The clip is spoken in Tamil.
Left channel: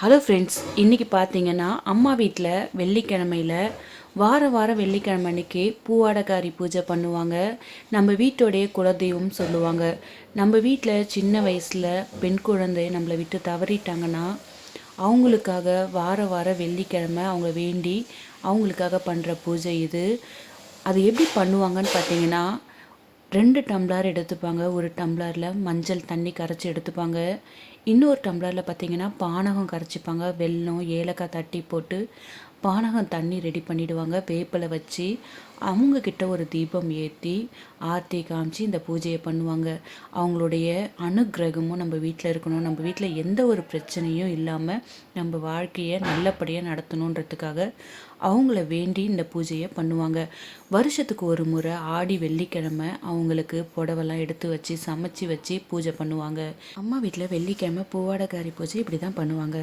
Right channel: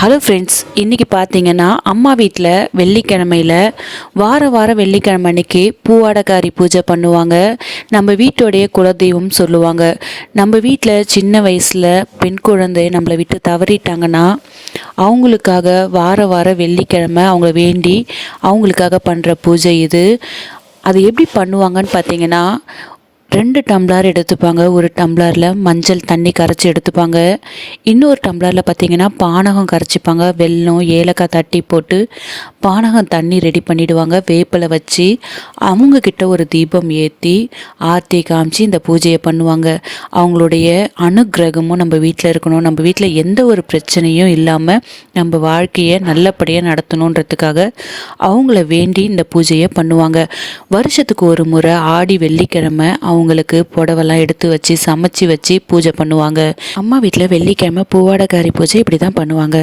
ஹலோ ஃப்ரெண்ட்ஸ், இன்றைக்கி பார்த்தீங்கன்னா அம்மா வீட்டில் வெள்ளிக்கிழமையில் வாரம் வெள்ளிக்கிழமை அன்னைக்கு பூவாடக்காரி பூஜை பண்ணுவாங்க. நம்ம வீட்டோடைய குலதெய்வம் சொல்லுவாங்க. நம்ம வீட்டில் சின்ன வயசில் பெண் குழந்தை நம்மளை விட்டு தவறிட்டாங்கன்னா அவங்களுக்காக வாரம் வெள்ளிக்கிழமை அவங்கள வேண்டி அவங்களுக்காக பண்ணுற பூஜை இது. அது எப்படி பண்ணுவாங்கன்னு பார்த்தீங்கன்னா, 2 டம்ளர் எடுத்துப்பாங்க. ஒரு டம்ளரில் மஞ்சள் தண்ணி கரைச்சி எடுத்துப்பாங்க. இன்னொரு டம்ளரில் பார்த்திங்கன்னா பானகம் கரைச்சிப்பாங்க. வெல்லம் ஏலக்காய் தட்டி போட்டு பானகம் தண்ணி ரெடி பண்ணிவிடுவாங்க. வேப்பிலை வச்சு அவங்கக்கிட்ட ஒரு தீபம் ஏற்றி ஆர்த்தி காமிச்சு இந்த பூஜையை பண்ணுவாங்க. அவங்களுடைய அனுக்கிரகமும் நம்ம வீட்டில் இருக்கணும், நம்ம வீட்டில் எந்த ஒரு பிரச்சனையும் இல்லாமல் நம்ம வாழ்க்கையை நல்லபடியாக நடத்தணுன்றதுக்காக அவங்கள வேண்டி இந்த பூஜையை பண்ணுவாங்க. வருஷத்துக்கு ஒரு முறை ஆடி வெள்ளிக்கிழமை அவங்களுக்கு புடவெல்லாம் எடுத்து வச்சு சமைச்சு வச்சு பூஜை பண்ணுவாங்க. அம்மா வீட்டில் வெள்ளிக்கிழமை பூவாடக்காரி பூஜை இப்படி தான் பண்ணுவாங்க.